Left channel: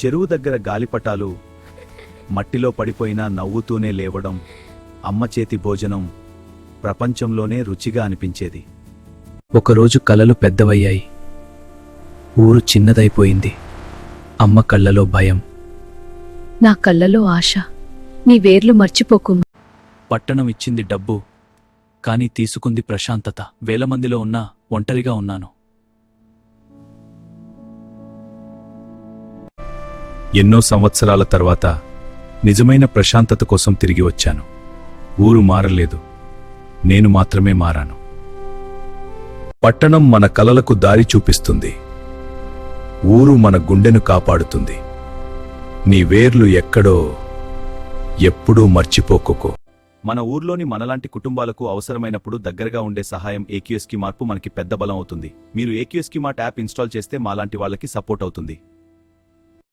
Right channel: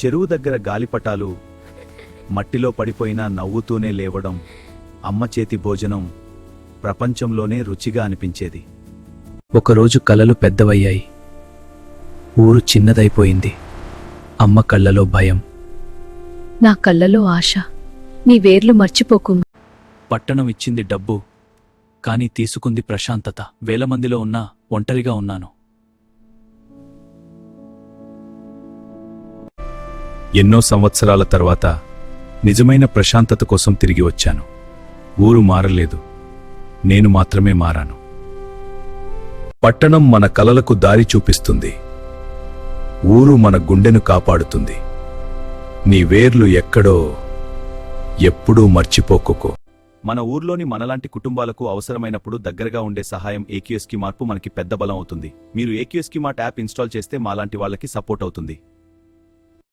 చెరువు దగ్గర గాలిపటాలు, మట్టిలో పడిపోయినా నవ్వుతూనే లేవడం, అమ్మ చేతి భోజనం ప్రపంచంలోనే రుచిగా అనిపించేది. ఒకరోజు కలలు పెద్దవయ్యాయి. ఊరు చిన్నదైపోయింది. అమ్మ కళ్ళలో భయం. నా కళ్ళలో ఆశ. నీ వేర్లు మర్చిపోకు. పట్టణం ఇచ్చింది డబ్బు, కాని తీసుకుంది ప్రశాంతత. వేల మందిలో ఉన్నా ఒంటరిగా ఉన్నాను. ఎన్నో సంవత్సరాల తర్వాత నిజమైన ప్రశాంతత కోసం తిరిగి వచ్చాను. ఊరు మారలేదు, నేను మాత్రమే మారాను. పట్టణం మన కలలకు దారి చూపిస్తుంది, ఊరు మన గుండెను కాపాడుతుంది. నీ వేర్లు ఎక్కడో ఎప్పుడూ మర్చిపోకోకో. మన ఊర్లోని మనలాంటి కుటుంబాలకు అవసరమైనప్పుడు దగ్గరగా ఉండే సహాయం ఏక్యూఎస్కి మార్పు మనకి పెద్ద బలం అవుతుంది. మీరు ఏక్యూఎస్కి మార్ట్ యాప్ ఇన్స్టాల్ చేస్తే మాలాంటి వాళ్ళకి సపోర్ట్ అవుతుంది.